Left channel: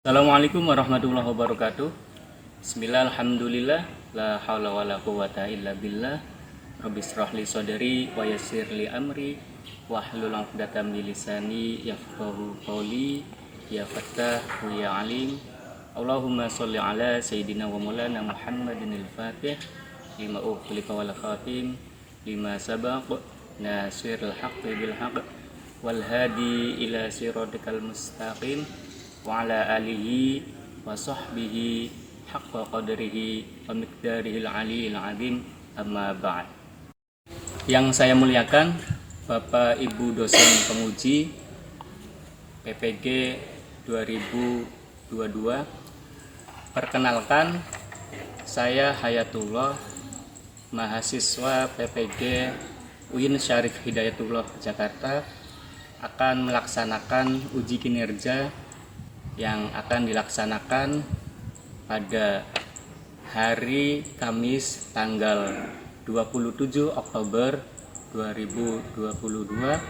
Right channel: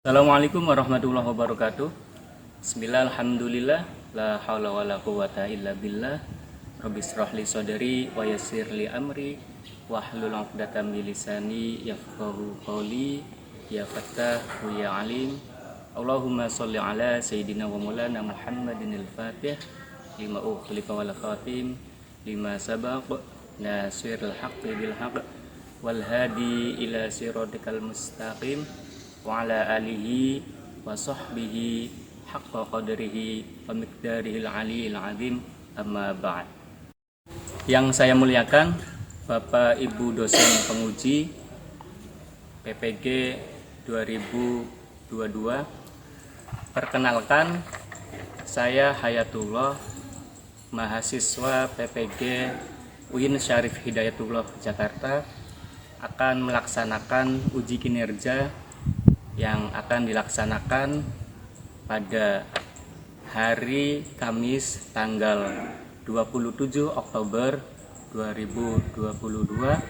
Assalamualaikum warahmatullahi wabarakatuh. Bismillah, alhamdulillah, la haula wala quwata illa billah. Rabbi shrahli sadri wa yassir li amri wahlul 'uqdatam min lisani yafqahu qawli. Ya Fattah wa ya Alim. Allahumma sholli ala sayyidina wa maulana Muhammadin al-Fatih lima ukhliqa wal khatim lima sabaq nasirul haqqi bil haqq wal hadi ila siratikal mustaqim wa ala alihi wa sahbihi haqqa qadrihi wa miqdarihil aliyil azim, amma ba'd. Yang saya muliakan Bapak Ibu dosen penguji PPG 2022, perkenalkan, saya Hayatullah, mahasiswa PPG UIN Syarif Hidayatullah Jakarta, akan melaksanakan uji kinerja yang akan dilaksanakan pada hari Kamis tanggal 27 Oktober 2022,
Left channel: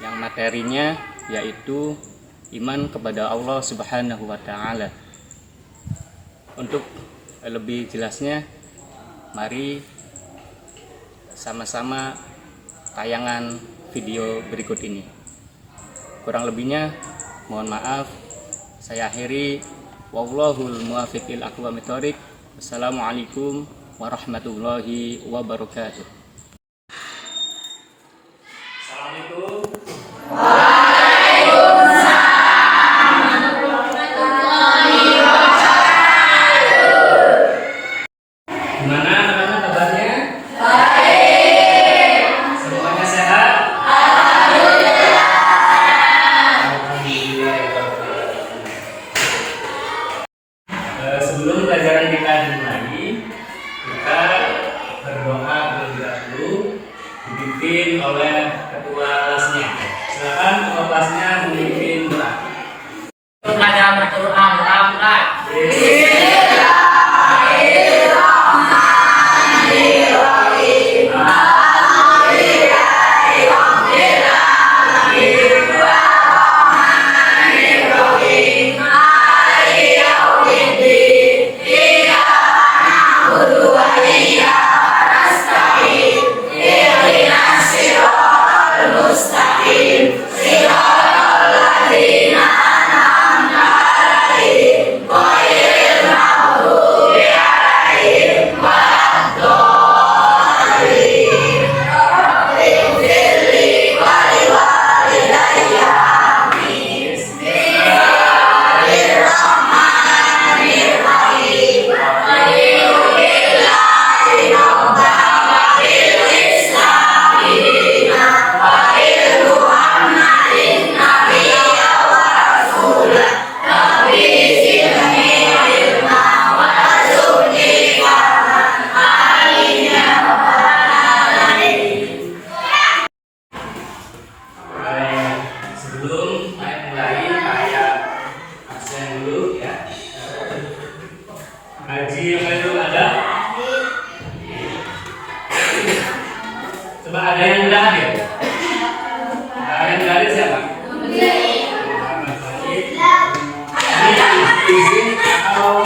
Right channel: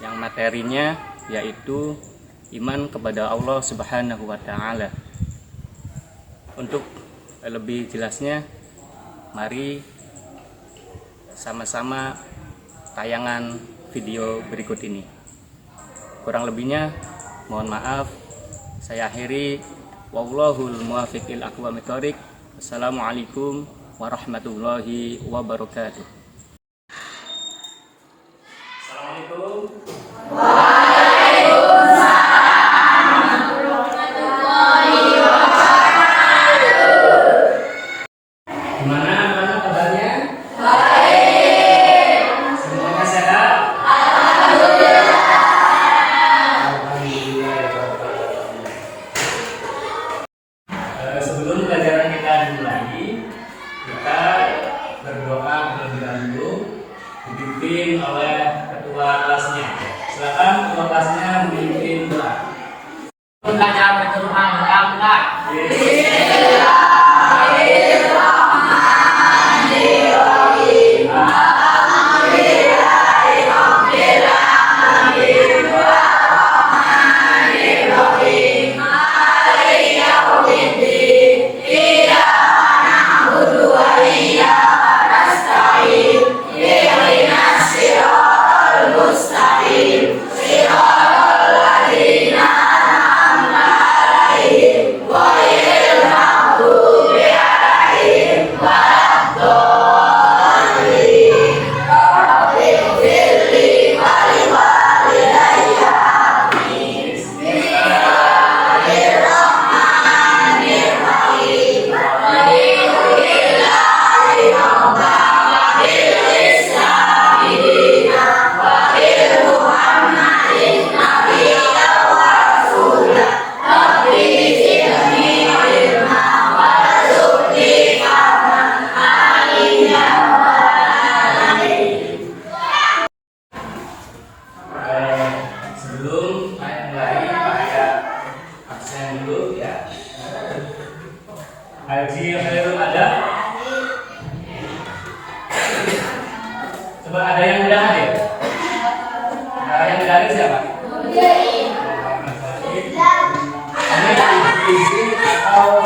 yang materinya yaitu iman kepada Allah Subhanahu wa Ta'ala. Untuk lebih jelasnya, mari sama-sama tayangan video berikut ini. Kurang lebihnya mohon maaf, saya akhiri. Wallahul muwaffiq ila aqwamit thoriq. Wassalamualaikum warahmatullahi wabarakatuh. Assalamualaikum. Gimana anak-anak kabarnya? Baik. Semuanya sehat? Sebelum pelajaran kita dimulai, kita berdoa terlebih dahulu, dipimpin oleh ketua kelasnya. Silakan ketua kelasnya memimpin doa. Belajar Al-Quran, Alhamdulillah. Sebelum saya mulai, saya absen dulu ya. Haji Khairul ada? Coba ada yang udah hadir? Yang udah hadir siapa? Muhammad Fahid. Ini izin atau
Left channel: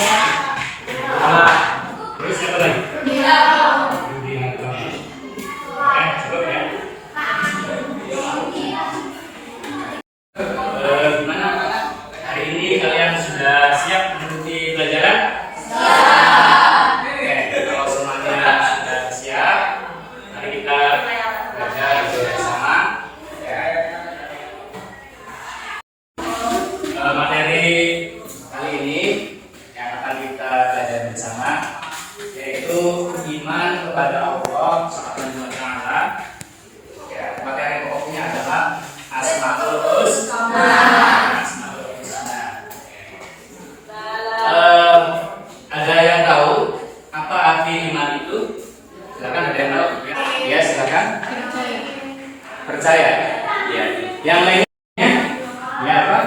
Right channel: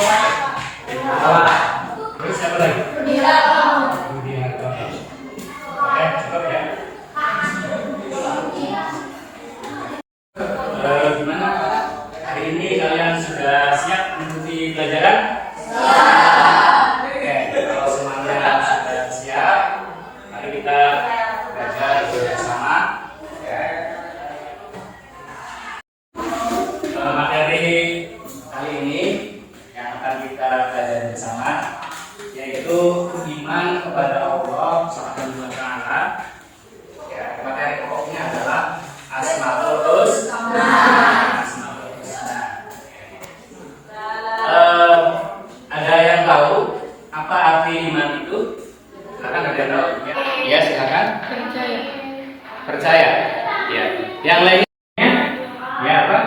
apa? Terus siapa lagi? Rudi Natoli. Cukup ya. Gimana hari ini, kalian sudah siap mengikuti pelajaran? Siap. Oke, kalau semuanya sudah siap, mari kita belajar bersama. Materi kali ini yang akan kita belajar bersama yaitu iman kepada Allah Subhanahu wa Ta'ala. Materi pokoknya adalah Asmaul Husna. Ada yang tahu apa arti iman itu? Silakan, ada yang tahu? Ya, silakan. Percaya. Ya. Yang lainnya? Ya, apa?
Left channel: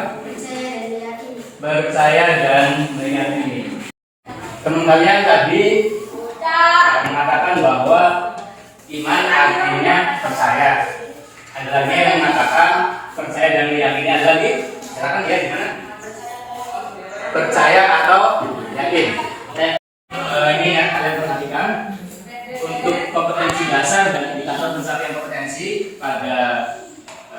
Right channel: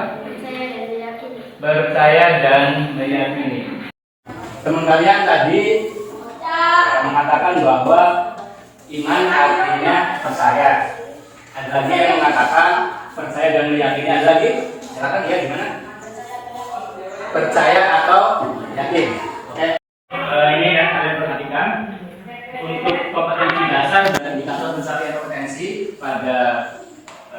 Percaya dan meyakini. Teman kalian tadi mengatakan bahwa iman artinya percaya. Ada lagi yang mengatakan percaya dan meyakini. Ada lagi? Silakan ya, gimana? percaya atau yakin. Oke. Ini ya kalian perhatikan untuk kompetensi dasar dan indikator pencapaian kompetensi pada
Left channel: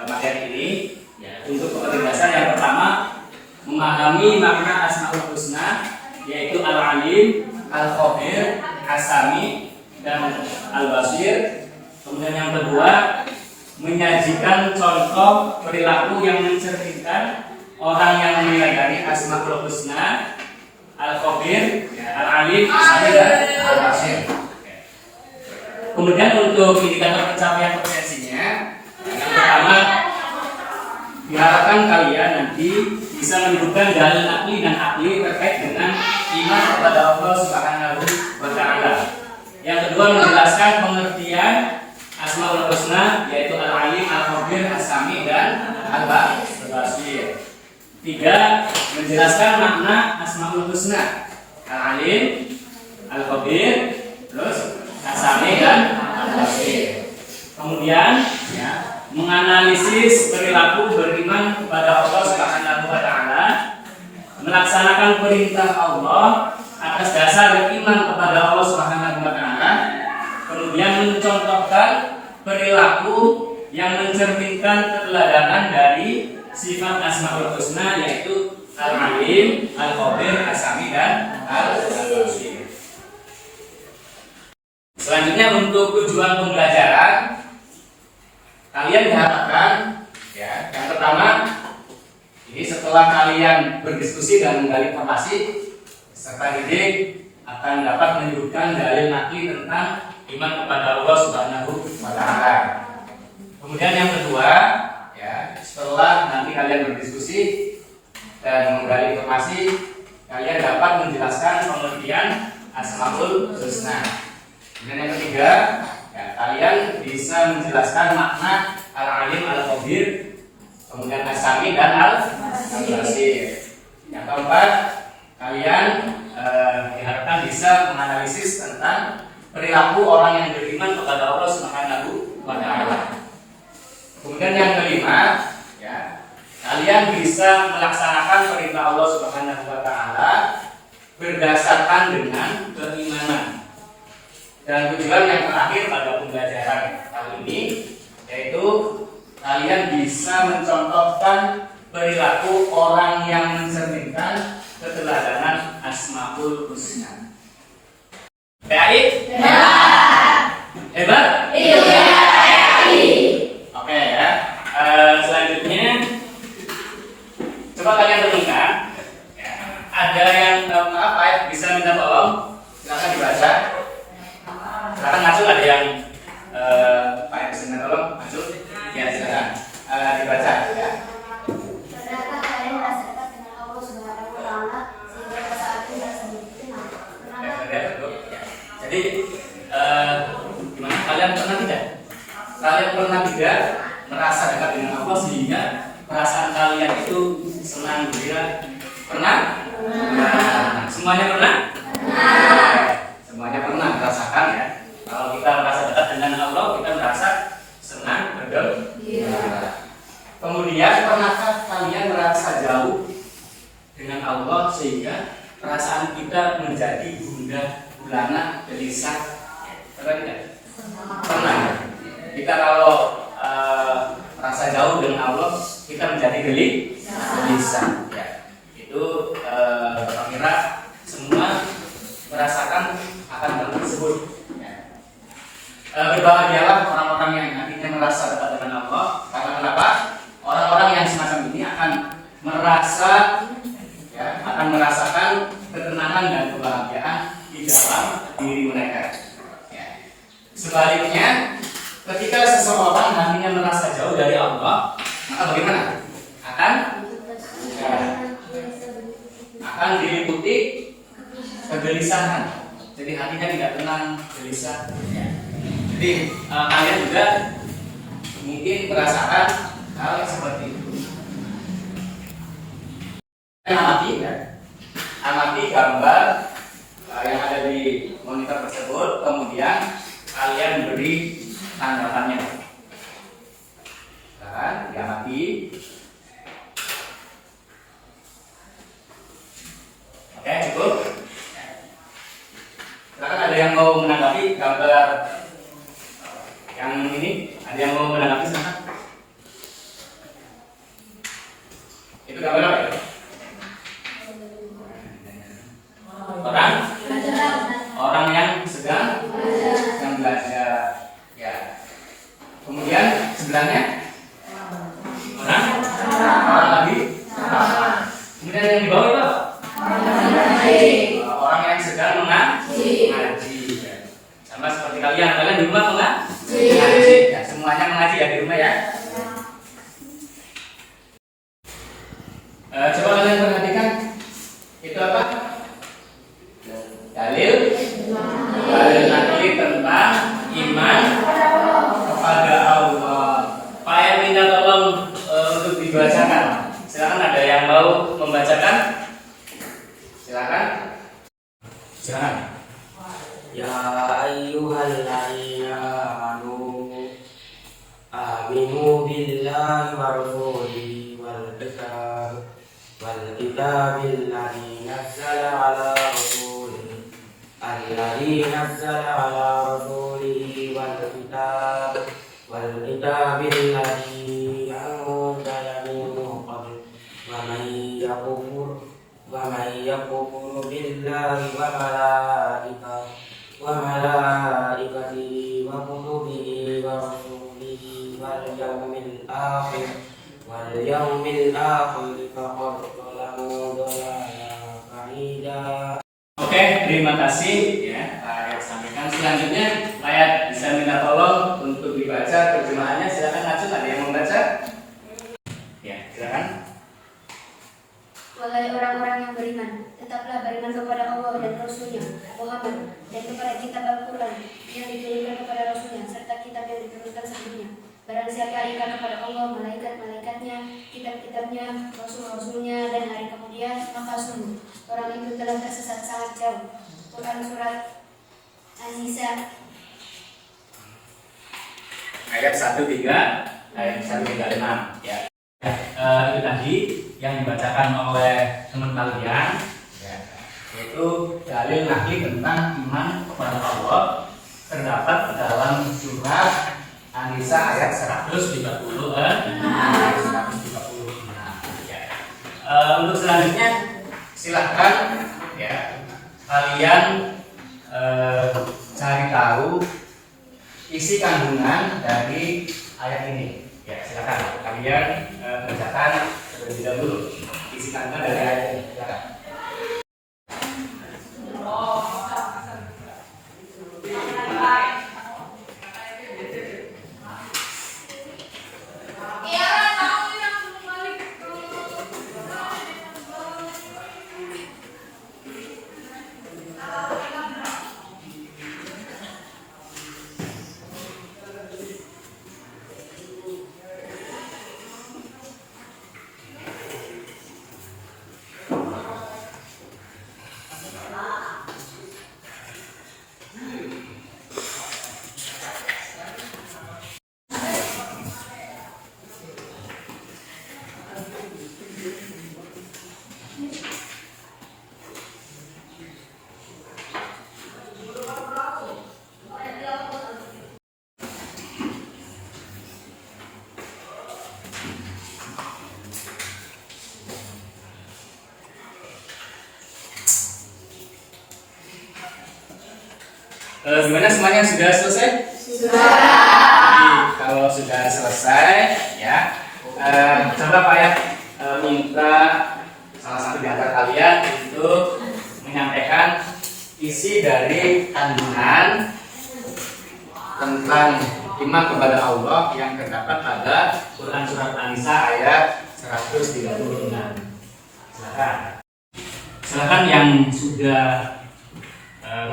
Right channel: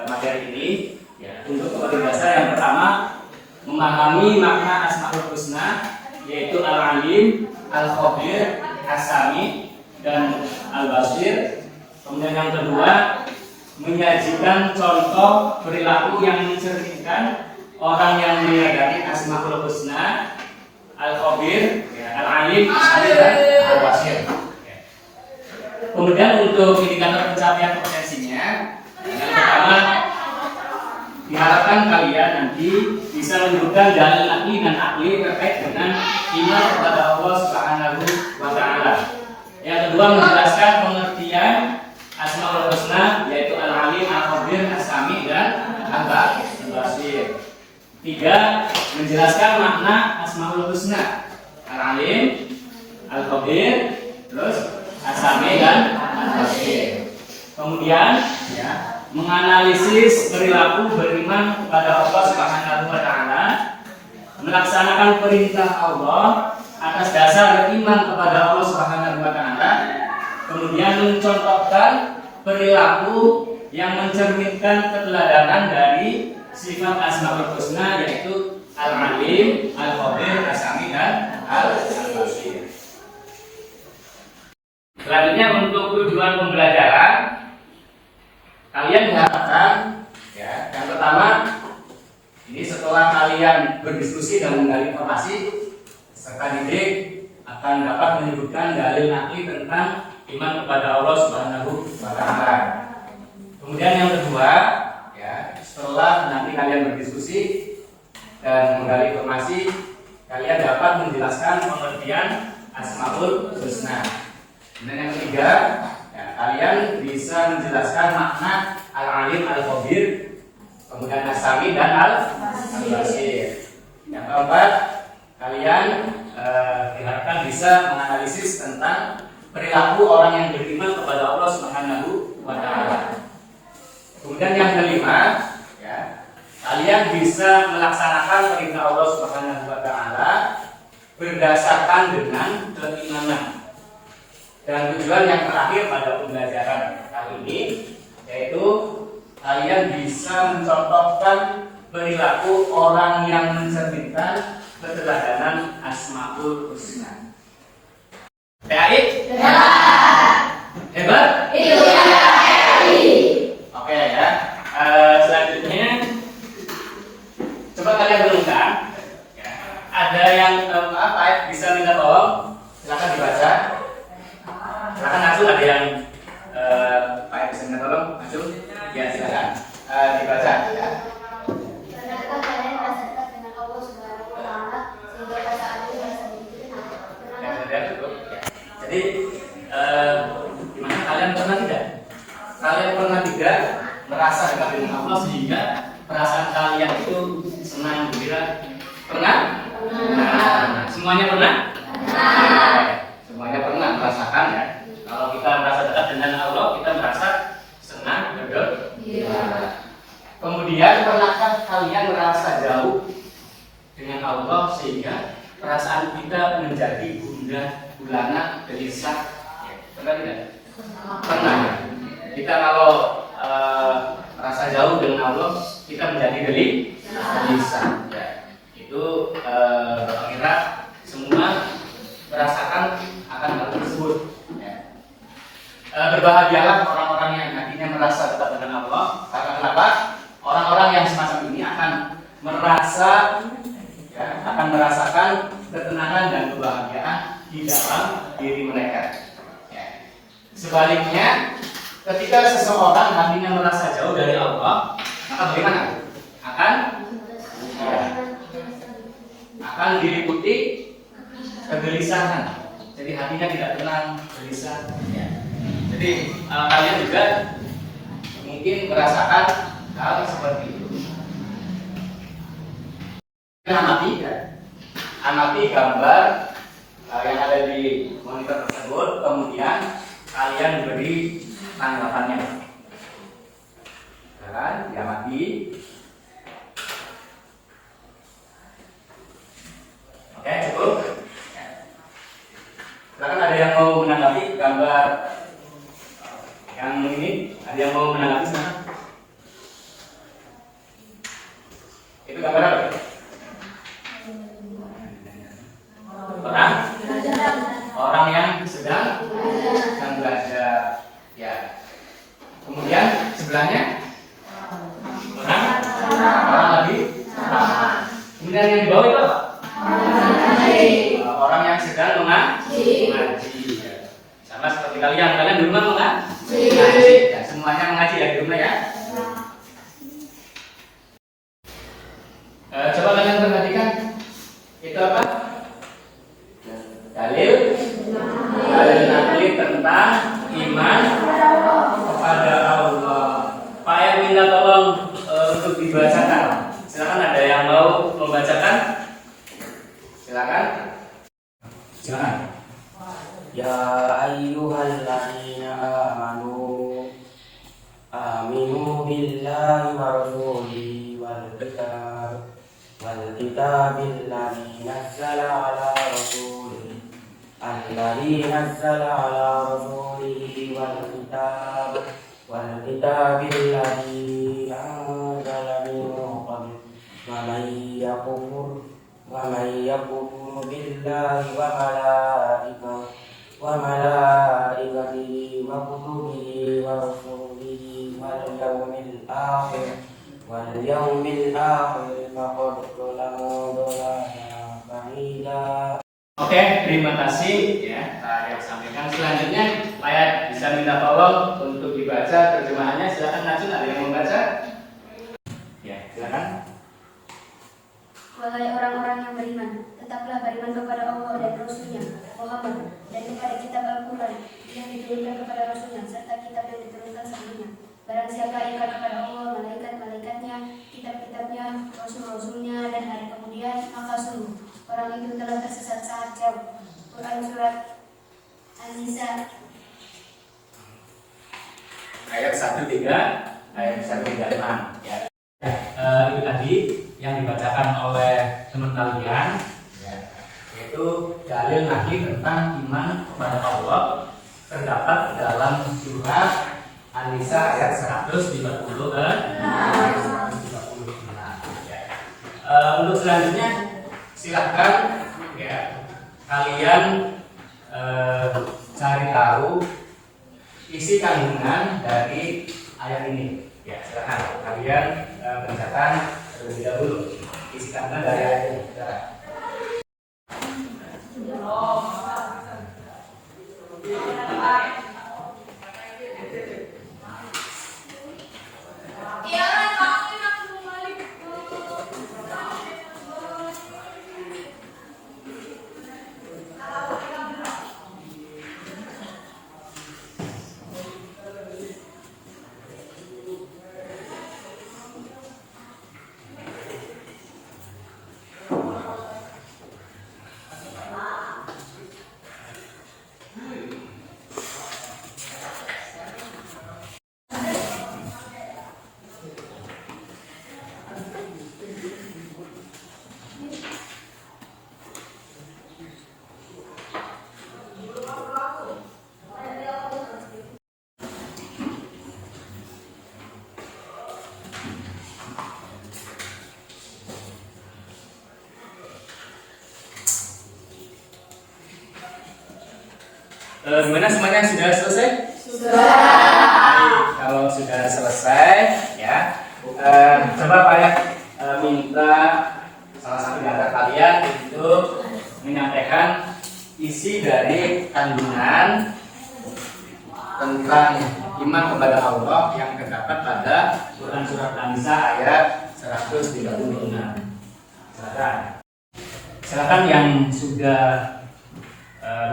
materi ini. Ya, untuk kompetensi dasar yang pertama memahami makna Asmaul Husna, yaitu Al-Alim, Al-Khabir, As-Sami, dan Al-Basir. Kemudian yang kedua menyajikan contoh perilaku yang mencerminkan orang yang menyadari Asmaul Husna, Al-Khabir, Al-Alim, As-Sami, dan Al-Basir. Kemudian untuk indikator pencapaian kompetensinya, yang pertama diharapkan kalian nanti bisa menunjukkan dalil akli dan akli terkait dengan iman kepada Allah Subhanahu wa Ta'ala. Yang kedua menjelaskan pengertian Asmaul Husna, yaitu Al-Alim, Al-Khabir, As-Sami, dan Al-Basir. Tiga, menjelaskan makna Asmaul Husna, Al-Alim, Al-Khabir, terus As-Sami, dan Al-Basir. Kemudian ya, menganalisis perilaku beriman kepada Allah Subhanahu wa Ta'ala, melaksanakan perintah Allah atas dasar iman kepada Allah Subhanahu wa Ta'ala, kemudian mencontohkan perilaku yang mencerminkan keteladanan dari sifat Asmaul Husna, yaitu Al-Alim, Al-Khabir, As-Sami, dan Al-Basir. Selanjutnya untuk tujuan pembelajaran, kalian diharapkan ya, yang pertama ini setelah kalian berdiskusi dan menggali informasi, serta didik akan dapat menyebutkan dalil nakli tentang iman kepada Allah Subhanahu wa Ta'ala. Kemudian yang kedua, ya, setelah nanti kalian berdiskusi dan menggali informasi, kalian dapat menjelaskan pengertian Asmaul Husna. Kemudian yang ketiga, ya, kalian bisa menjelaskan makna Al-Alim, Al-Khabir, kemudian As-Sami, dan Al-Basir. Yang keempat, kalian diharapkan bisa menganalisis tentang perilaku orang yang beriman kepada Allah Subhanahu wa Ta'ala. Kemudian yang kelima, ya, kalian bisa melaksanakan perintah Allah Subhanahu wa Ta'ala berdasarkan dengan keimanan. Dan tujuan yang terakhir pada pembelajaran kali ini, yaitu kalian bisa mencontohkan perilaku orang yang mencerminkan keteladanan Asmaul Husna. Baik? Ya. Hebat? Iya. Oke ya. Selanjutnya coba kalian renungkan. Ya. Ada yang bisa minta tolong? Silakan dibaca. Silakan Azul, ada yang Pak bisa minta tolong? Azul? Ya silakan dibaca. Ya. Ternyata kalian merasa dekat dengan Allah Subhanahu wa Ta'ala sehingga pada saat itu merasa begitu tenang. Jadi gimana, kalian pernah tidak? Kalian pernah tidak merasa dekat dengan Allah sehingga perasaan kalian itu senang, gembira? Pernah? Pernah. Semuanya pernah? Pernah. Semuanya pernah merasakan ya. Kalau kita merasa dekat dengan Allah, kita merasa senang, bergembira. Kemudian pernahkah kalian merasa jauh dengan Allah sehingga perasaan kita menjadi gundah gulana, gelisah? Pernah tidak? Pernah. Kita kalau merasa jauh dengan Allah, kita menjadi gelisah. Ya. Itu kira semua merasakan akan hal tersebut. Ya. Berbahagialah orang-orang yang nantinya merasa dekat dengan Allah. Karena kenapa? Orang-orang yang semacam ini akan merasakan ketenangan dan kebahagiaan di dalam diri mereka. Ya. Sebaliknya, ketika seseorang nantinya merasa jauh dari Allah, maka bagaimana? Akan diliputi kegelisahan. Jadi hatinya tidak tenang, gelisah. Ya. Jadi kalian juga mungkin merasakan hal seperti itu. Amati ya. Amati gambar yang ada di monitor tersebut, kemudian kalian beri tanggapannya. Diamati. Dengan yang di bawah itu apa? Orang yang sedang mengaji. Sama seperti kalian di rumah mengaji. Ya, semuanya mengaji ya di rumah ya. Coba kalian perhatikan itu apa? Dalil nakli tentang iman kepada Allah. Pak yang minta tolong untuk dibacakan. Silakan, ada yang mau membacakan? Silakan. Ya ayyuhalladzina amanu aminu billahi wa rasulihi wal kitabil ladzi nazzala ala rasulihi wal kitabil ladzi anzala min qabl wa man yakfur billahi wa malaikatihi wa kutubihi wa rasulihi wal yawmil akhir faqad dhalla dhalalan ba'ida. Oke, terima kasih ya Pak Ayat sampaikan. Selanjutnya Pak Ayat bisa minta tolong untuk dibaca terjemahannya. Silakan Najun, ada yang membaca? Ya, silakan. Wahai orang-orang yang beriman, tetaplah beriman kepada Allah dan Rasul-Nya Muhammad, dan kepada kitab Al-Quran yang diturunkan kepada Rasul-Nya, serta kitab yang diturunkan sebelumnya. Barang siapa ingkar kepada Allah, malaikat-malaikatnya, kitab-kitabnya, Rasul-Rasulnya, dan hari kemudian, maka sungguh orang itu telah tersesat sangat jauh. Quran Surat An-Nisa Ayat 1:3, ayat 1:6 ya. Itu tadi yang dibacakan oleh teman kalian ya, yaitu dalil nakli tentang iman kepada Allah terdapat dalam surat An-Nisa ayat 136 ya. Untuk selanjutnya silahkan ya kalian cari tahu isi kandungan dari ayat ini. Ya, silakan kalian bacakan terlebih dahulu isi kandungan dari ayat ini. Silakan. Gimana semuanya, sudah selesai? Sudah. Kalau sudah selesai, ya, coba Pak ya minta salah satu di antara kalian untuk menyampaikan isi dari kandungan tentang iman kepada Allah yang terdapat pada Quran Surat An-Nisa ayat 136. Silakan. Silakan yang sudah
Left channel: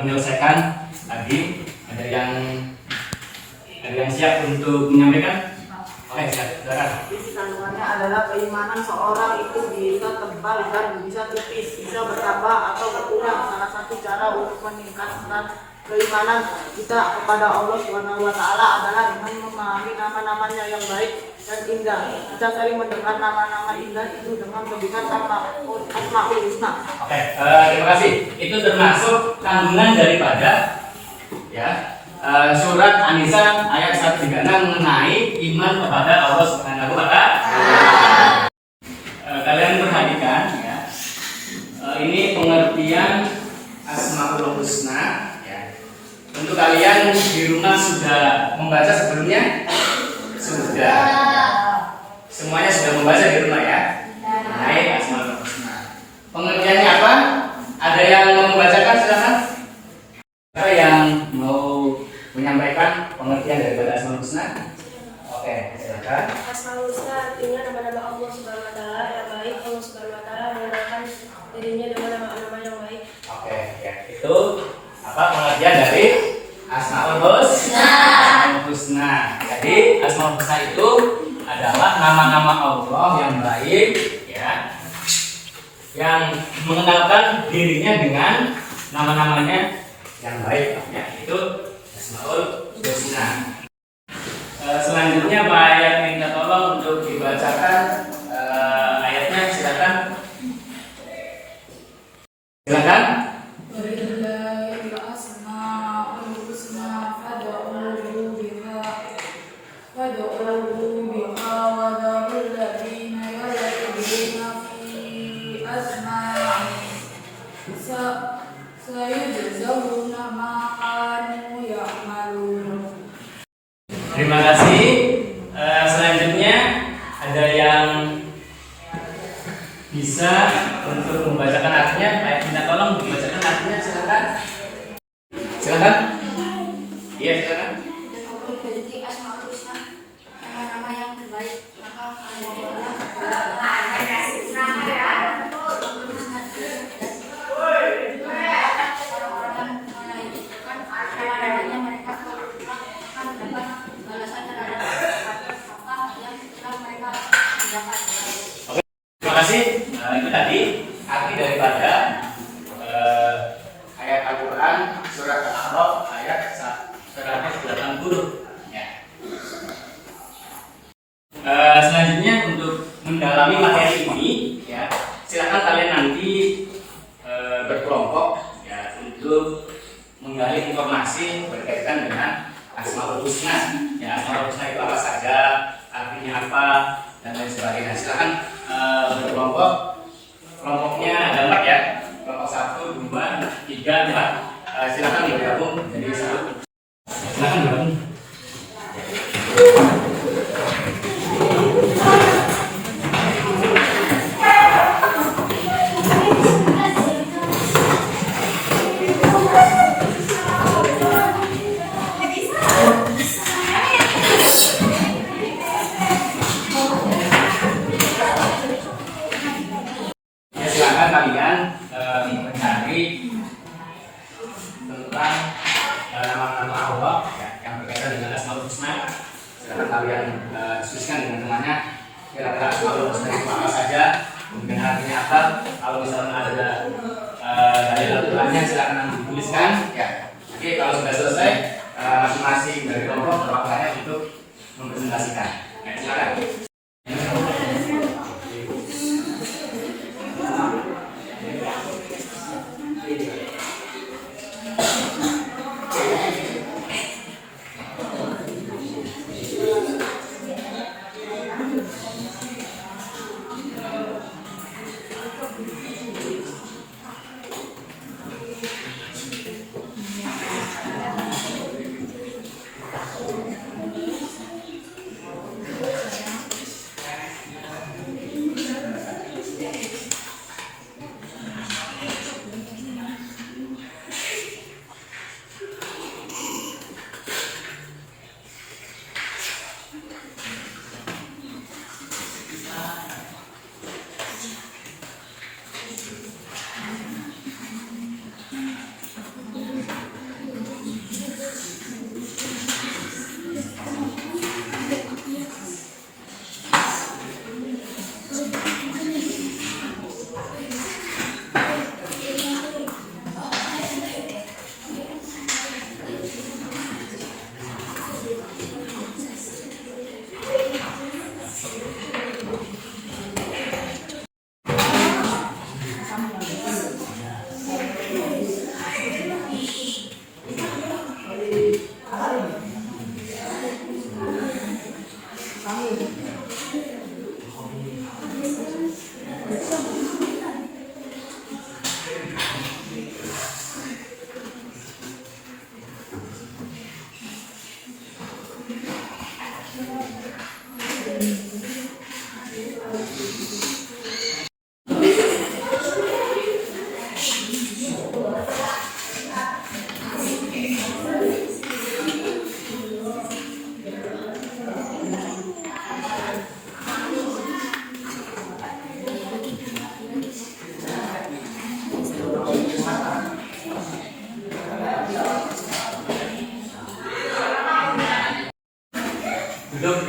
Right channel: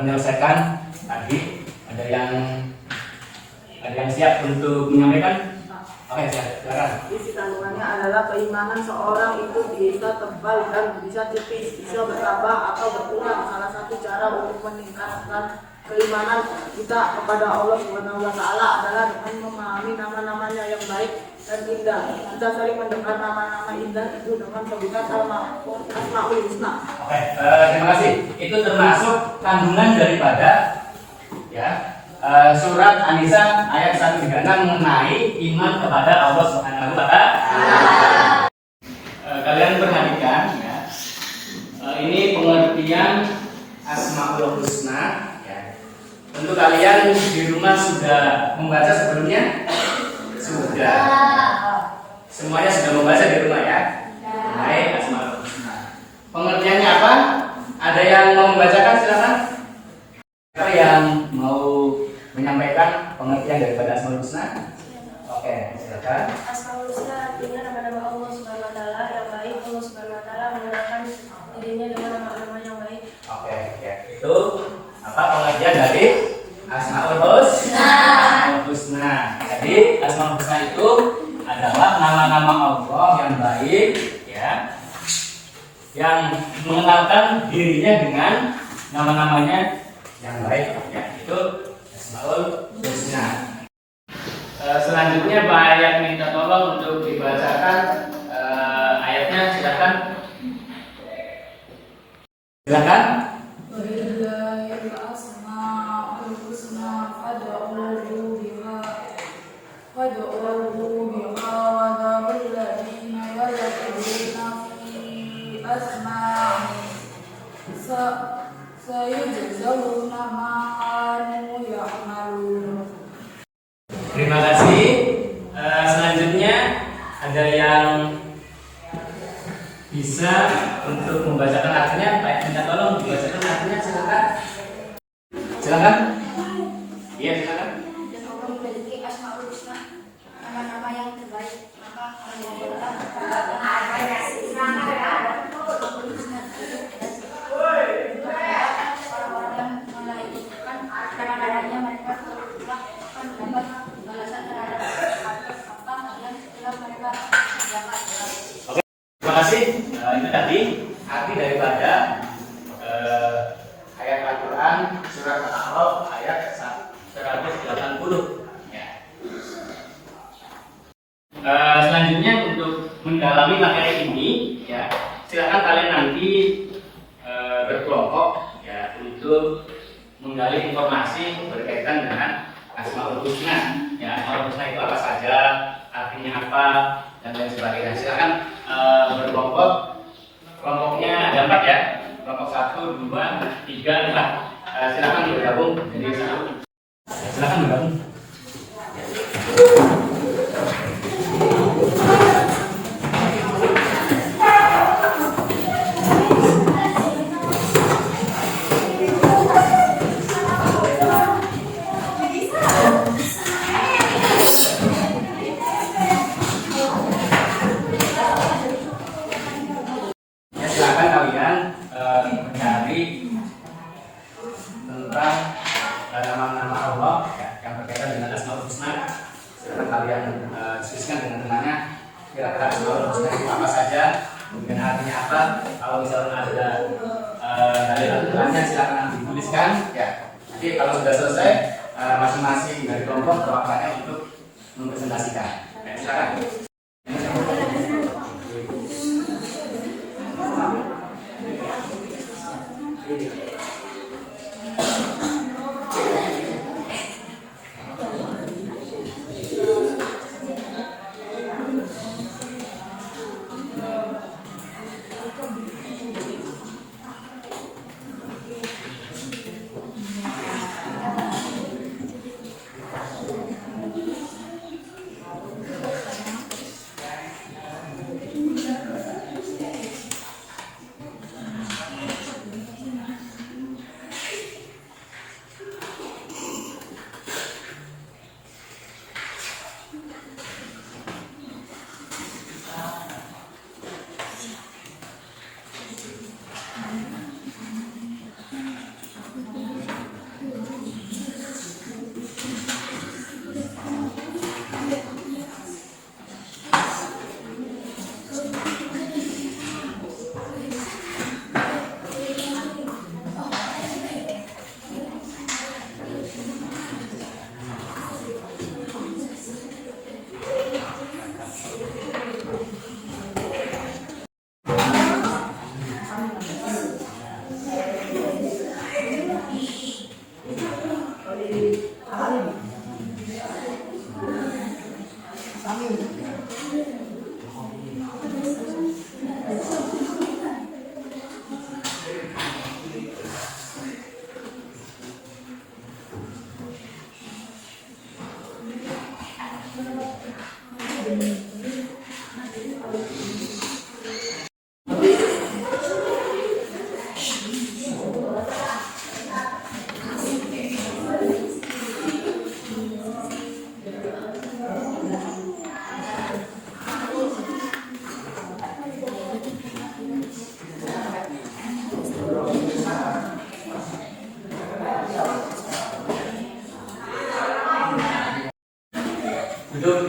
menyelesaikan tadi, ada yang siap untuk menyampaikan? Oke, silakan. Isi kandungannya adalah keimanan seorang itu bisa tebal dan bisa tipis, bisa bertambah atau berkurang. Salah satu cara untuk meningkatkan keimanan kita kepada Allah Subhanahu wa taala adalah dengan memahami nama-namanya yang baik dan indah. Kita sering mendengar nama-nama indah itu dengan sebutan Asmaul Husna. Oke, terima kasih. Itu termasuk kandungan daripada ya surat An-Nisa ayat 136 mengenai iman kepada Allah Subhanahu wa taala. Kalian perhatikan ya. Ini pengertian Asmaul Husna ya. Tentu kalian di rumah sudah membaca sebelumnya? Sudah. Semuanya sudah membaca di rumah ya? Baik, Asmaul Husna. dirinya dengan nama-nama yang baik. Oke, ya. Itu apa pengertian dari Asmaul Husna? Husna. Jadi Asmaul Husna itu adalah nama-nama Allah yang baik, ya, yang mengenalkan dirinya dengan nama-namanya yang baik, ya. Itu Asmaul Husna. Selanjutnya Pak Ayat minta tolong untuk dibacakan ayatnya, silakan. Silakan. Walillahi al-asmaul husna fad'uuhu biha wa dharul ladzina yulhiduna fi asma'ihi sayujzawna ma kanu ya'malun. Terima kasih. Selanjutnya ada yang bisa untuk membacakan artinya. Pak, minta tolong dibacakan artinya, silakan. Silakan. Iya, silakan. Dan Allah memiliki Asmaul Husna, nama-nama yang terbaik. Maka orang-orangnya mereka akan mendapat balasan terhadap apa yang telah mereka dapat. Terima kasih. Itu tadi arti daripada ayat Al-Quran surat Al-A'raf ayat 180. Ya. Selanjutnya untuk mendalami materi ini, ya, silakan kalian nanti berkelompok, ya, untuk menggali informasi berkaitan dengan Asmaul Husna. Ya, Asmaul Husna itu apa saja, artinya apa, dan lain sebagainya. Silakan berkelompok. Kelompoknya ada 4, ya. Kelompok 1, 2, 3, 4. Silakan bergabung jadi satu. Silakan bergabung. Silakan kalian mencari tentang nama-nama Allah, ya, yang berkaitan dengan Asmaul Husna. Silakan kalian diskusikan dengan temannya. Kira-kira Asmaul Husna itu apa saja, kemudian artinya apa. Kalau misalnya ada dalil Al-Qur'annya, silakan nanti dituliskan. Ya. Nanti kalau sudah selesai, masing-masing dari kelompok berpakaian untuk mempresentasikan. Nah, silakan.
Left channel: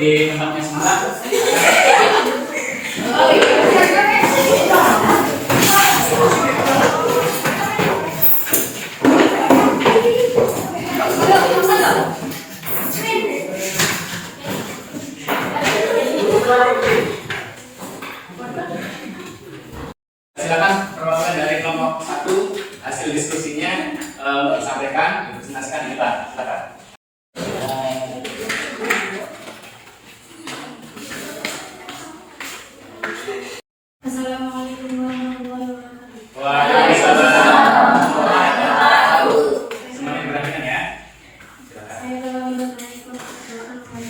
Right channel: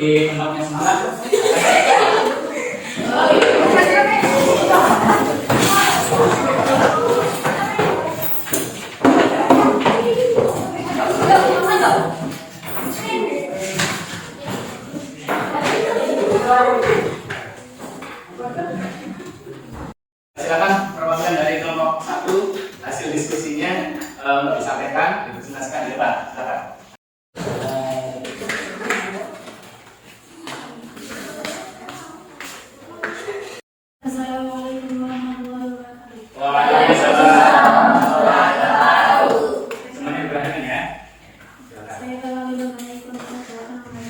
di tempatnya semalam. Silakan perwakilan dari kelompok 1 hasil diskusinya disampaikan, dipresentasikan di depan. Silakan. Assalamualaikum warahmatullahi wabarakatuh. Waalaikumsalam. Semuanya berani ya. Silakan. Saya kembali menarik untuk akan membacakan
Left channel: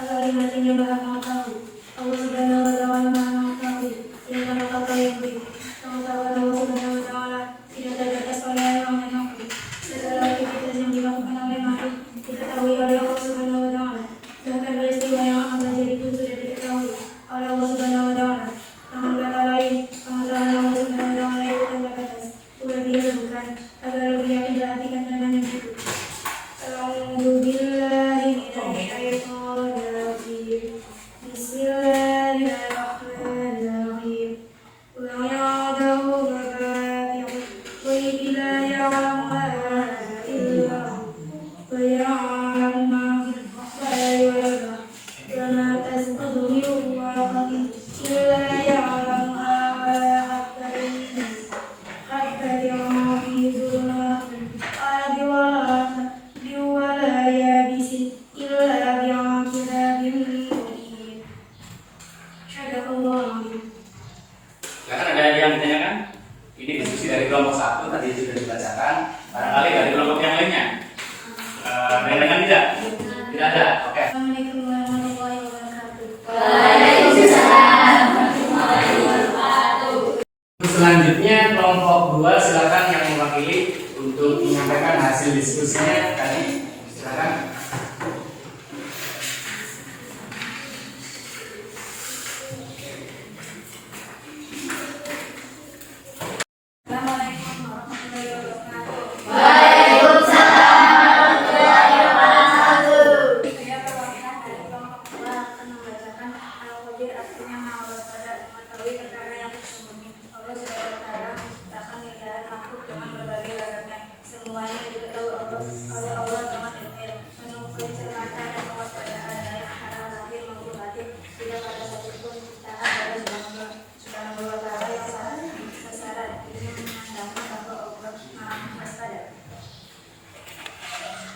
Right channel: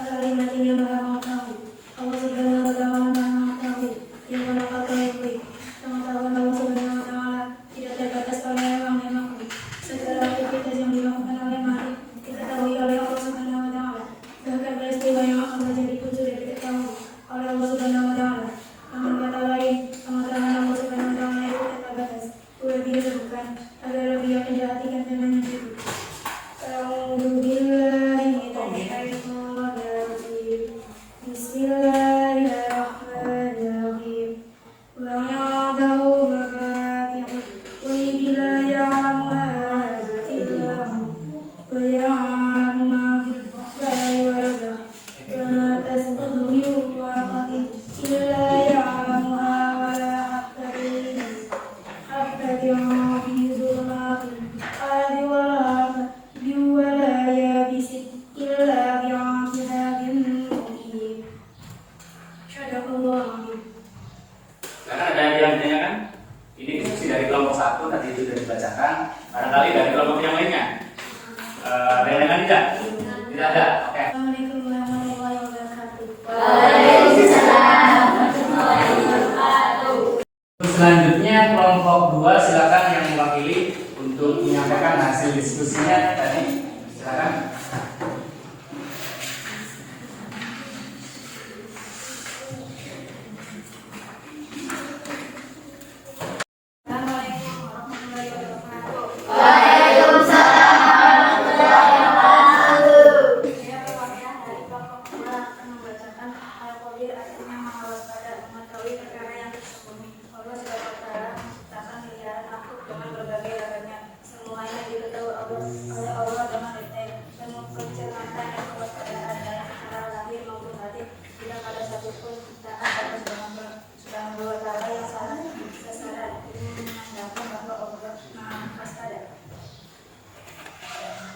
al-kalimat yang bermanfaat. Allah Subhanahu wa Ta'ala mengetahui yang mengetahui. Allah Subhanahu wa Ta'ala tidak terbatas oleh yang mengerti. Segala aktivitas yang dilakukan oleh makhluk diketahui oleh Allah Subhanahu wa Ta'ala. Bahkan peristiwa yang akan terjadi pun sudah diketahui oleh Allah Subhanahu wa Ta'ala. Dengan kata lain, pengetahuan Allah Subhanahu wa Ta'ala itu tanpa batas. Boleh disebutkan agar lebih diperhatikan dengan yang itu. A'udzu billahi minasyaitonir rajim. Bismillahirrahmanirrahim. Wa ya'lamu mafatihul ghaibi la ya'lamuha illa hu. Wa ya'lamu ma fil bahri wal bahri. Wa ma tasqutu min waraqatin illa ya'lamuha wa la habatin fi dhulumatil ardi wa la yabisin illa bi'adabin muhin. Syadaqallahu a'lam. Silakan ada yang ditanyakan? Ini diskusi dari kelompok 1 tadi sudah dibacakan. Barangkali dari kelompok yang lainnya. Ada yang lain tidak? Tidak ada. Oke. Assalamualaikum warahmatullahi wabarakatuh. Selanjutnya kelompok 2 silakan yang mewakili untuk menyampaikan hasil diskusinya tadi. Silakan. Assalamualaikum warahmatullahi wabarakatuh. Saya perwakilan dari kelompok 2 akan membacakan Al-Qadir, artinya maha waspada, mengetahui perkara yang tersembunyi. Allah Subhanahu wa Ta'ala menciptakan miliaran makhluk dengan berbagai badannya. Semuanya diketahui oleh Allah dengan detail, penuh kecermatan dan kewaspadaan, baik secara lahir maupun batin. Tidak ada satupun ciptaan Allah Subhanahu wa Ta'ala yang salah sasaran. Ini menandakan bahwa Allah maha waspada.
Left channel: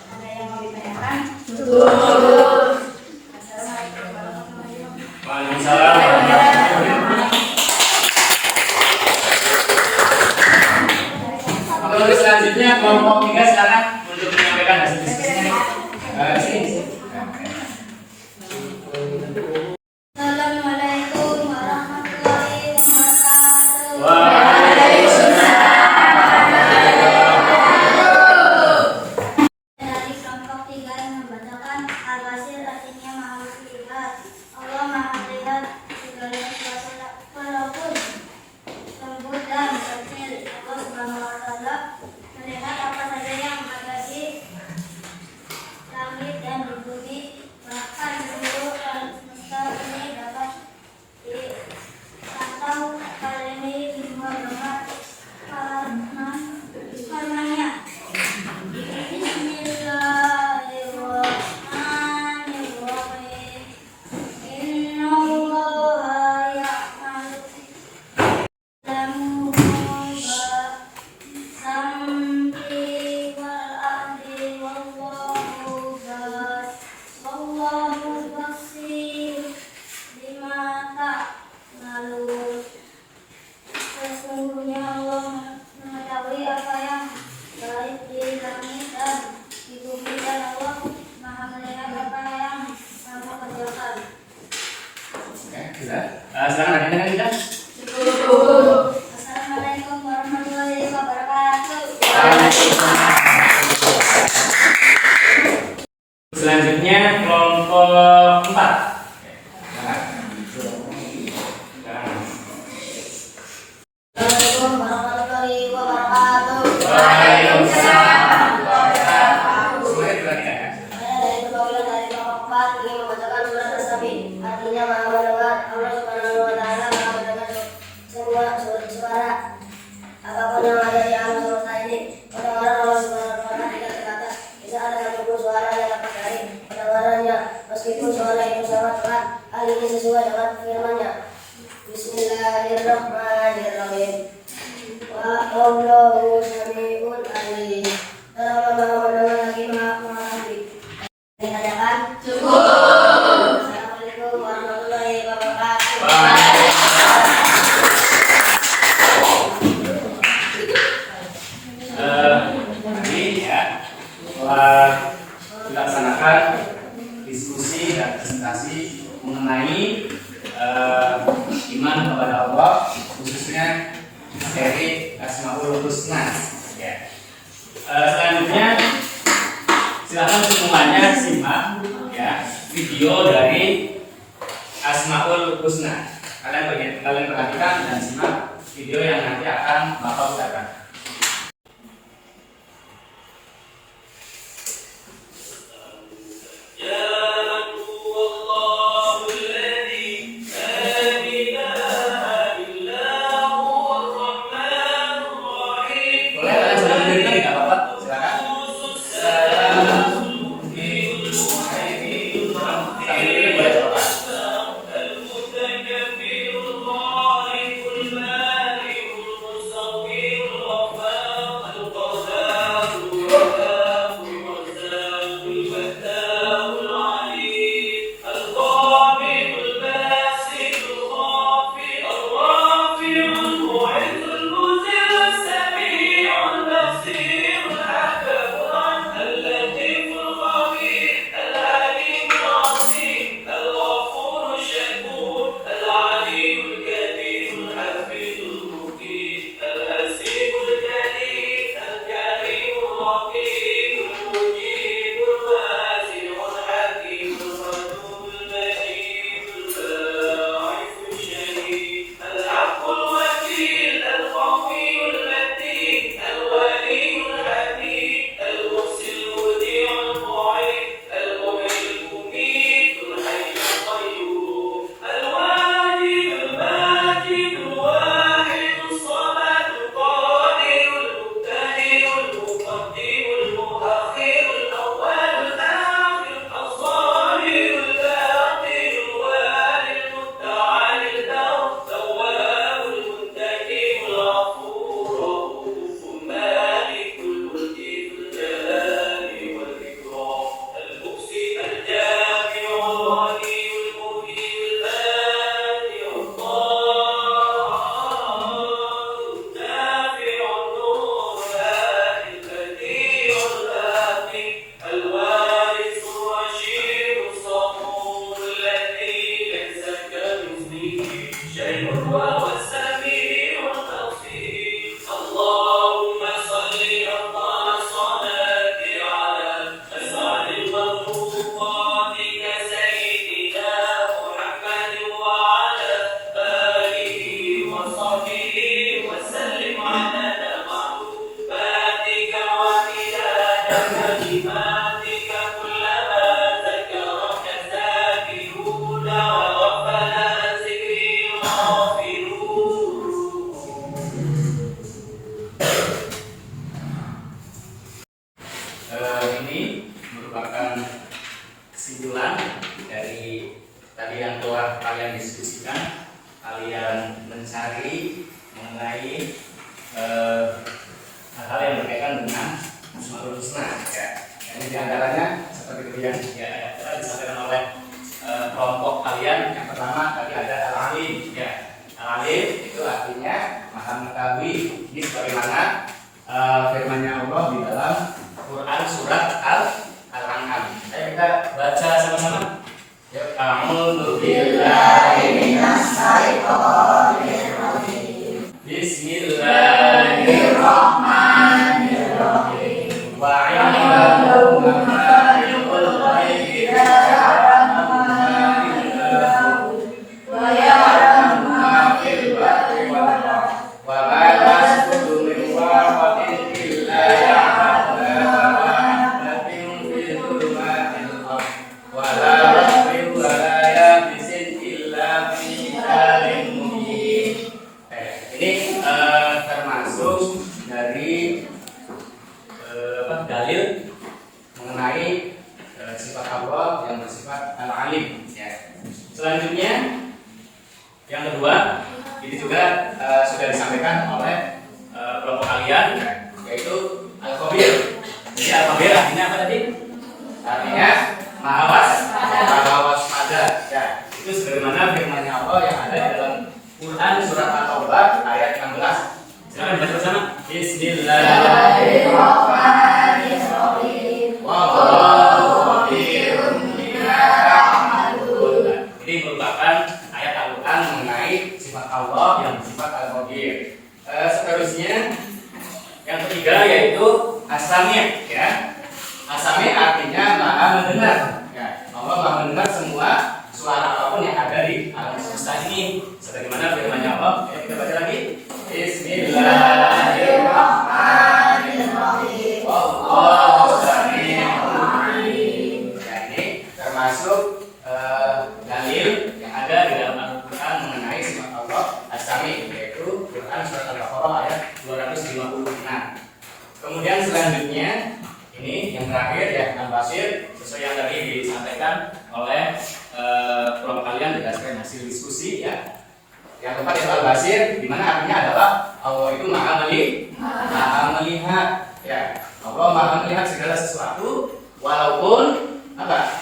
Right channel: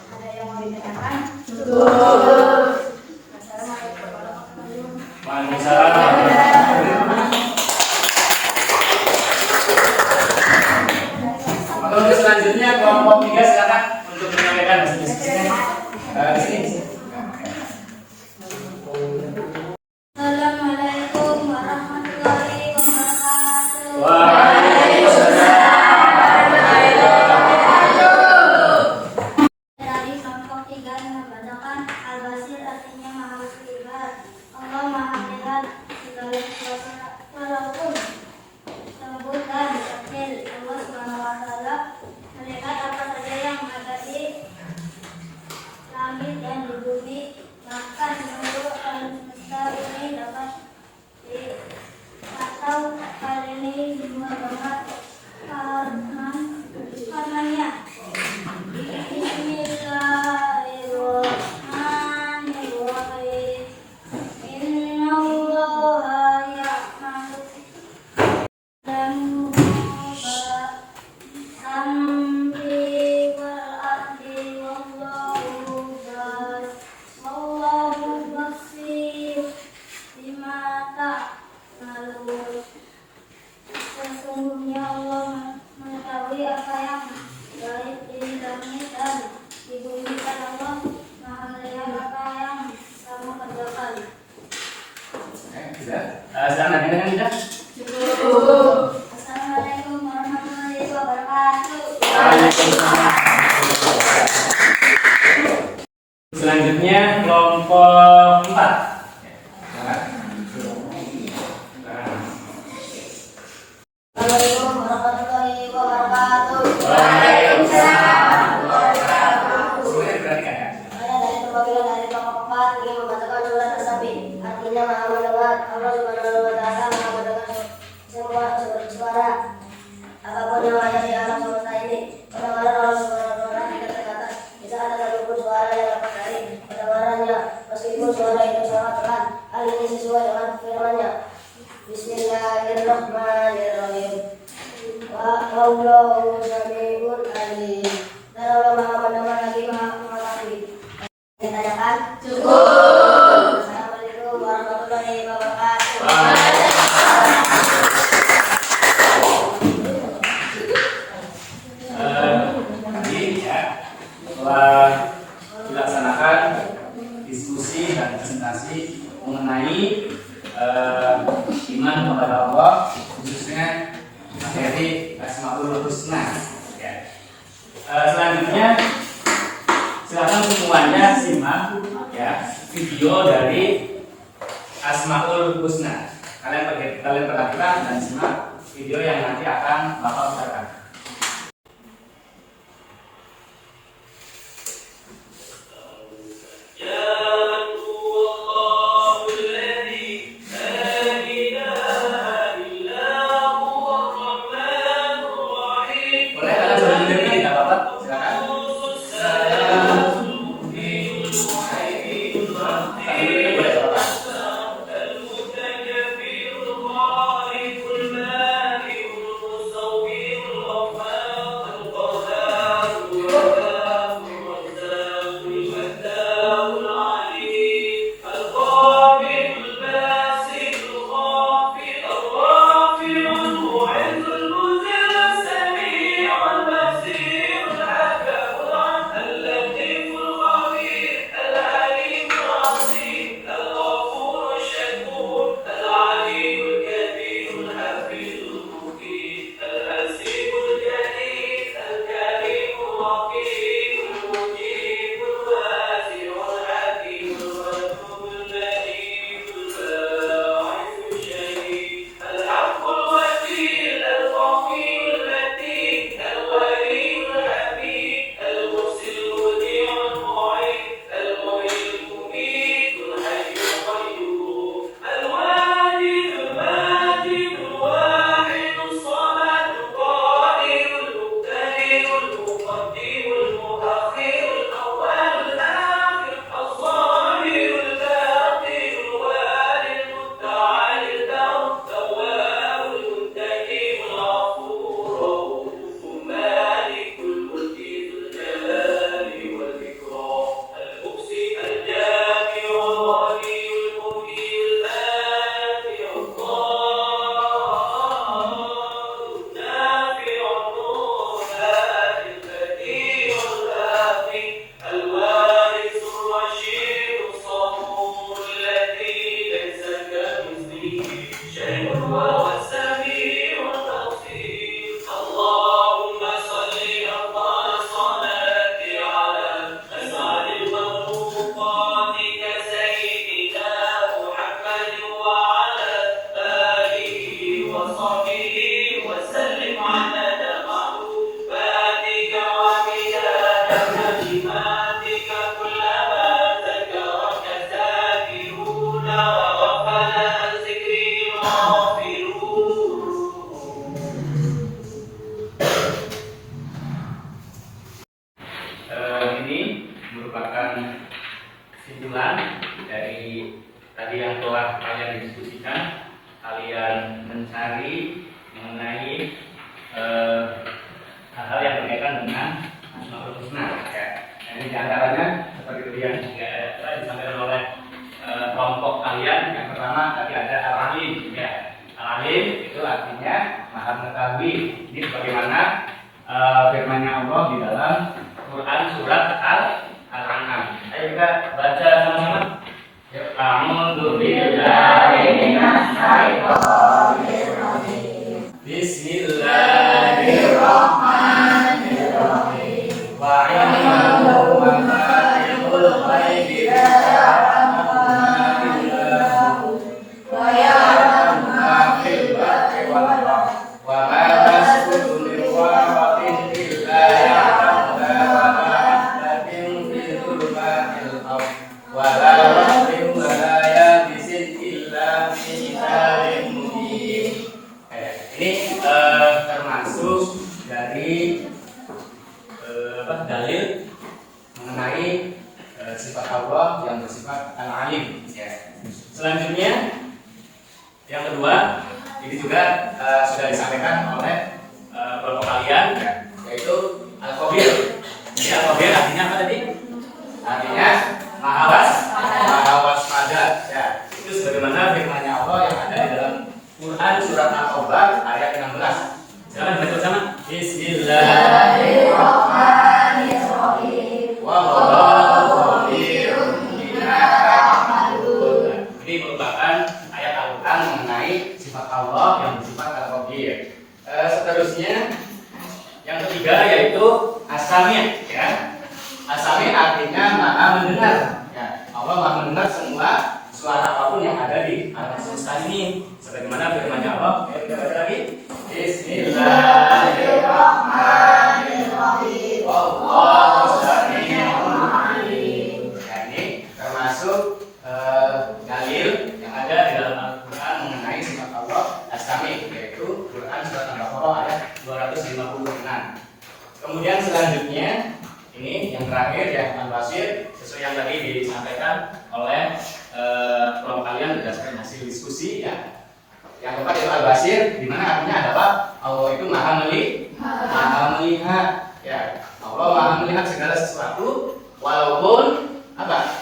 Ada yang mau ditanyakan? Assalamualaikum warahmatullahi wabarakatuh. Waalaikumsalam warahmatullahi wabarakatuh. Maka untuk selanjutnya kelompok 3 silakan untuk menyampaikan hasil diskusinya. Di sini. Assalamualaikum warahmatullahi wabarakatuh. Dari kelompok 3 yang membacakan Al-Basir, artinya maha melihat. Allah maha melihat segala sesuatu walaupun lembut dan kecil. Allah Subhanahu wa Ta'ala melihat apa saja yang ada di langit dan di bumi. Bahkan seluruh alam semesta ini dapat atau hal ini semua dapat firman-Nya. Bismillahirrahmanirrahim. Innallaha ya'malu sam'i wal ardi wallahu basir bima ta'malun. Sesungguhnya Allah mengetahui apa yang baik di langit dan di bumi, dan Allah maha melihat apa yang kamu kerjakan. Oke, sudah. Silakan ada yang tidak? Assalamualaikum warahmatullahi wabarakatuh. Selanjutnya kelompok 4. Assalamualaikum warahmatullahi wabarakatuh. Waalaikumsalam. Semuanya diperhatikan ya. Saya dari perwakilan dari kelompok 4 ingin membacakan surat Allah Subhanahu wa taala Maha mendengar semua suara apapun yang ada di alam semesta ini. Pendengaran Allah Subhanahu wa taala tidak terbatas. Bisa ada satupun suara yang dapat dari pendengarannya, meskipun suara itu sangat pelan. Hal ini sesuai dengan firman-Nya. Bismillahirrahmanirrahim. Wa Allahu sami'un alim. Dan Allah Maha mendengar lagi Maha mengetahui. Ditanyakan cukup. Assalamualaikum warahmatullahi wabarakatuh. Tadi ya telah dilaksanakan diskusi dan presentasi mengenai iman kepada Allah, khususnya materi Asmaul Husna. Ya. Selanjutnya silakan semuanya simak ya video dari Asmaul Husna. Kalian perhatikan dan simak video yang nanti akan Bapak putarkan. Ini merupakan kesimpulan dari tadi yang telah kalian diskusikan. Kalian mencari mengenai hal-hal yang berkaitan dengan Asmaul Husna. Ya. Ini diantaranya seperti itu yang telah disampaikan oleh kelompok kalian. Yang pertama tadi ada al-alim. Ya. Al-alim itu artinya maha mengetahui. Ini sebagaimana firman-Nya Allah di dalam Quran surat Al-An'am. Kita baca sama-sama. A'udzu billahi minasy syaithanir rajim. Bismillahirrahmanirrahim. Wa 'indahu mafatihul ghaibi la ya'lamuha wa ya'lamu ma fil barri wal bahri wa ma tasqutu min waraqatin illa ya'lamuha wa la dari dalil mengenai sifat Allah yang bersifat al-alim. Ya. Selanjutnya yang kedua, ini juga sudah disampaikan oleh kelompok kalian, yaitu al-khabir. Jadi al-khabir artinya apa tadi? Artinya maha waspada. Ya, itu sebagaimana firman-Nya Allah yang ada di dalam Quran surat At-Taubah ayat 16. Silakan baca bersama. Bismillahirrahmanirrahim. Wallahu khabirun bima ta'malun. Ini merupakan ayat Al-Quran mengenai sifat Allah yang bersifat al-khabir. Seterusnya yang ketiga yaitu as-sami', ya. As-sami' artinya maha mendengar. Ya, Allah maha mendengar semua suara apapun yang ada di alam semesta ini. Sebagaimana firman-Nya Allah, ya, kita baca lagi. Bismillahirrahmanirrahim. Wallahu sami'un alim. Ya, ini termasuk dalil yang ada di dalam Al-Quran mengenai sifat Allah as-sami', yaitu Quran surat Al-Baqarah ayat 256. Kemudian selanjutnya ini yang terakhir ya, al-basir, sesuai yang tadi disampaikan oleh kelompok kalian berdasarkan hasil diskusi ya. Yang keempat itu al-basir, di mana artinya adalah Allah itu maha melihat ya. Allah maha melihat segala sesuatu walaupun apa?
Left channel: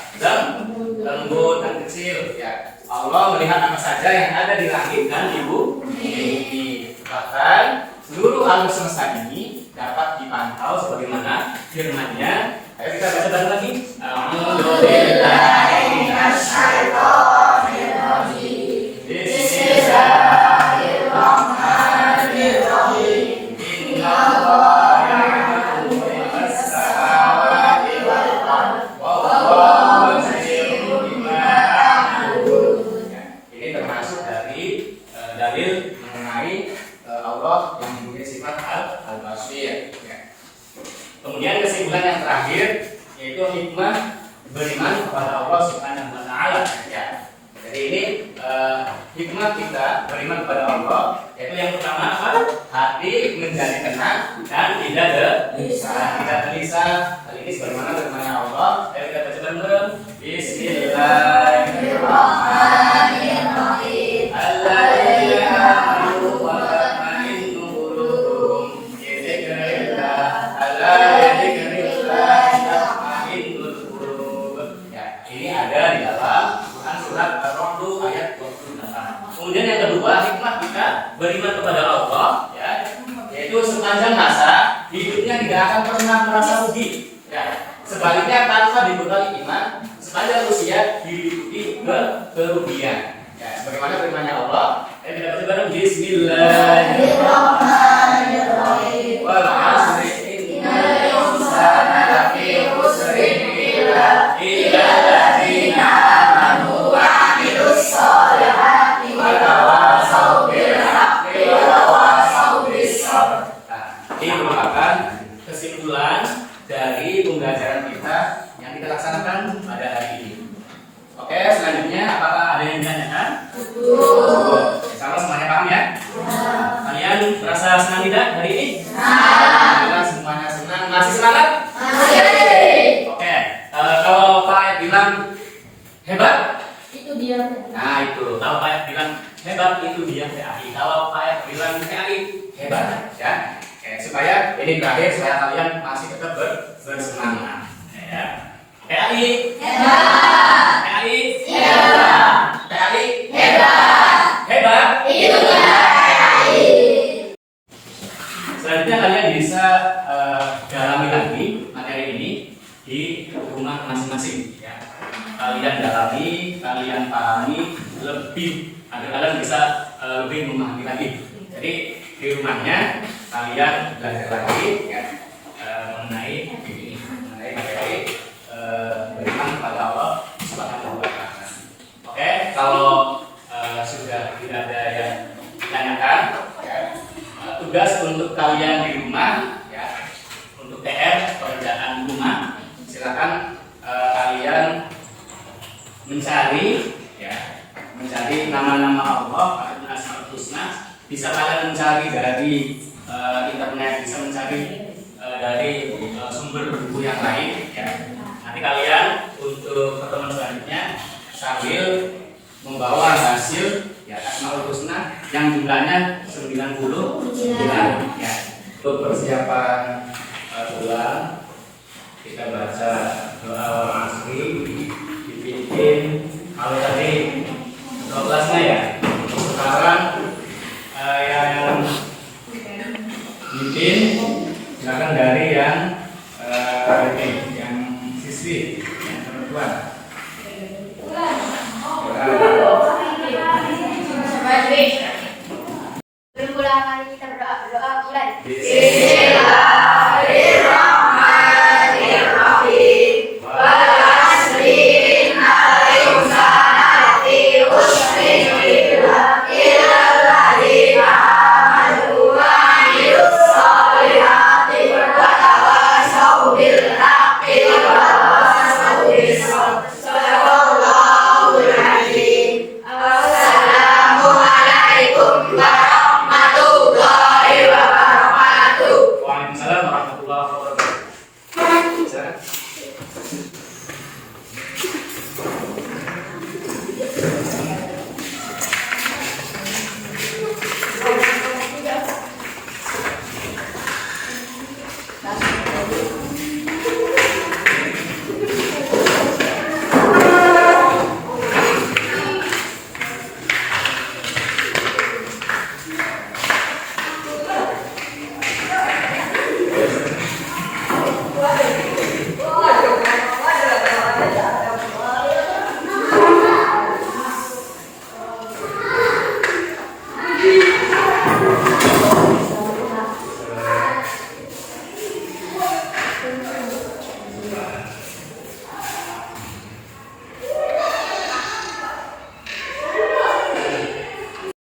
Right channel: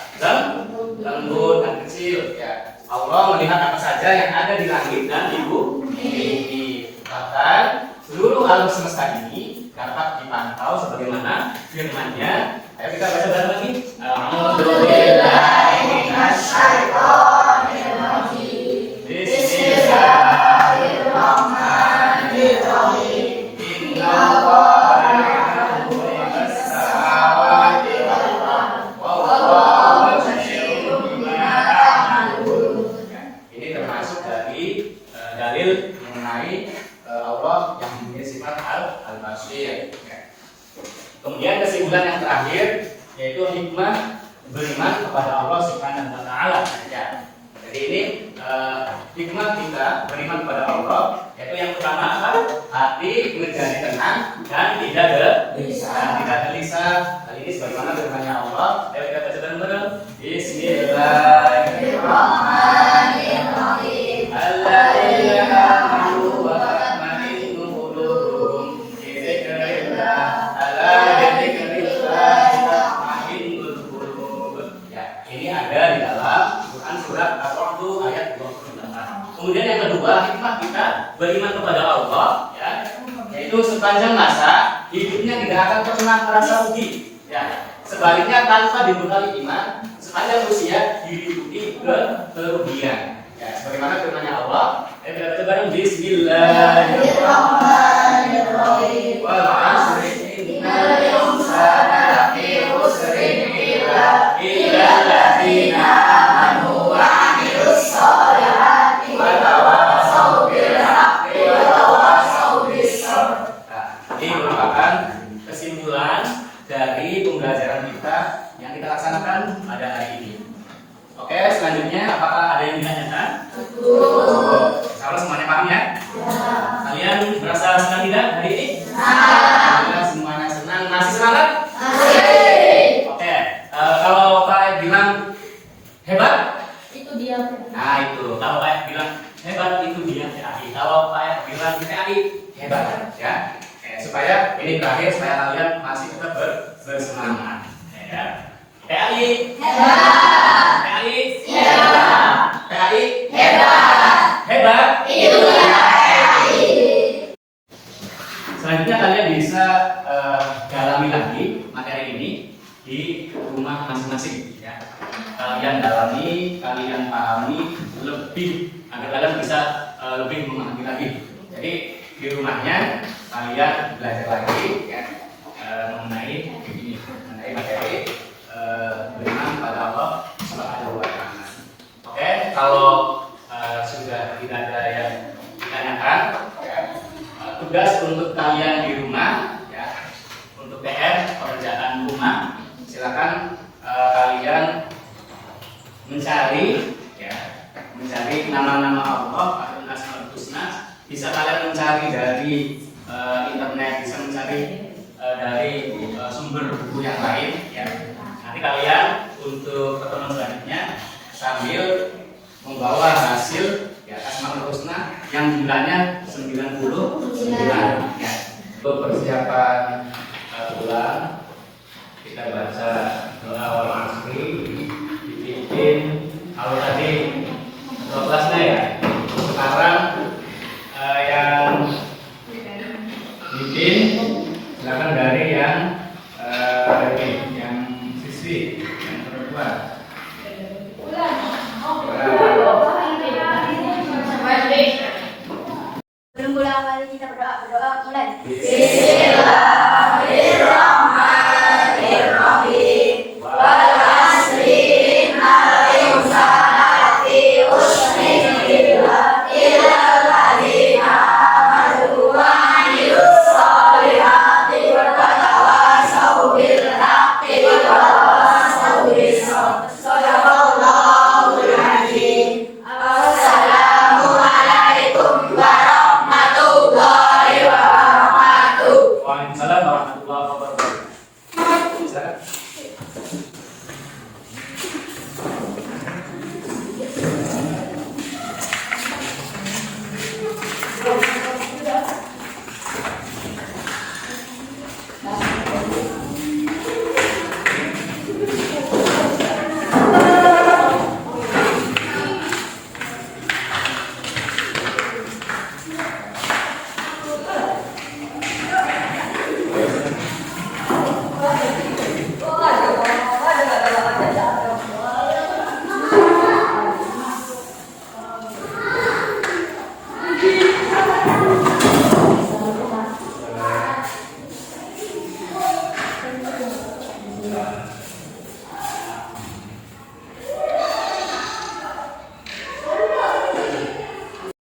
Lembut dan kecil ya. Allah melihat apa saja yang ada di langit dan di bumi. Bahkan seluruh alam semesta ini dapat dipantau sebagaimana firman-Nya. Ayo kita baca bareng lagi. A'udzubillahi minasyaitonir rajim. Bismillahirrahmanirrahim. Innallaha ya'lamu ma fis samawati wal ardh. Wallahu basirun bima ta'malun. Ini termasuk dari dalil mengenai Allah yang memiliki sifat al-basir. Kemudian kesimpulan yang terakhir yaitu hikmah beriman kepada Allah Subhanahu wa taala. Ya. Jadi ini hikmah kita beriman kepada Allah yaitu yang pertama apa? Hati menjadi tenang dan tidak gelisah. Hal ini sebagaimana firman-Nya Allah. Ayo kita baca bareng-bareng. Bismillahirrahmanirrahim. Alladzina amanu wa tatma'innu qulubuhum bi dzikrillah. Ya, ini ada di dalam Quran surat Ar-Ra'd ayat 28. Kemudian yang kedua, hikmah kita beriman kepada Allah ya, yaitu sepanjang masa hidupnya tidak akan pernah merasa rugi. Ya, sebaliknya tanpa dibekali iman, sepanjang usia dihidupi kerugian. Ya, sebagaimana firman-Nya Allah, ayo kita baca bareng. Bismillahirrahmanirrahim. Wal 'asri innal insana lafi khusrin illa alladziina aamanu wa 'amilus shalihati wa tawassaw bil haqqi wa tawassaw bis sabr. Ini merupakan kesimpulan dari pembelajaran kita yang kita laksanakan pada hari ini. Oke, selanjutnya apakah ada yang ditanyakan? Insya semuanya paham ya? Kalian merasa senang tidak hari ini? Kita semuanya senang. Masih semangat? Masih. Oke, kalau Pak bilang hebat? Itu dia. Nah itu, kalau Pak bilang hebat itu dia PAI. Kalau Pak bilang PAI hebat ya. Supaya ini berakhir, supaya kalian masih tetap bersemangat. Ya. PAI hebat. PAI hebat. PAI hebat. Hebat itu PAI. Selanjutnya kalian bisa dalami lagi materi ini di rumah masing-masing ya. Kalian dalami, kalian pahami lebih agar kalian bisa lebih memahami lagi. Jadi di rumahnya kalian belajar lagi ya, mengenai ini, mengenai materi beriman kepada Allah Subhanahu wa taala. Oke, kalau sudah tidak ada yang ditanyakan ya, tugas untuk kalian di rumah ya, untuk PR pekerjaan rumah, silakan kalian mencari ya, mencari nama-nama Allah atau Asmaul Husna. Bisa kalian mencari dari internet, bisa mencari dari sumber buku yang lain ya. Nanti kalian untuk pertemuan selanjutnya sambil membawa hasil ya Asmaul Husna yang jumlahnya 99 ya. Untuk persiapan pulang kita baca doa awal asri dibikin kalau tadi 12-nya ya. Sekarang yang bikin silakan dari yang siswi yang perempuan. Bermula kali kita berdoa mulai.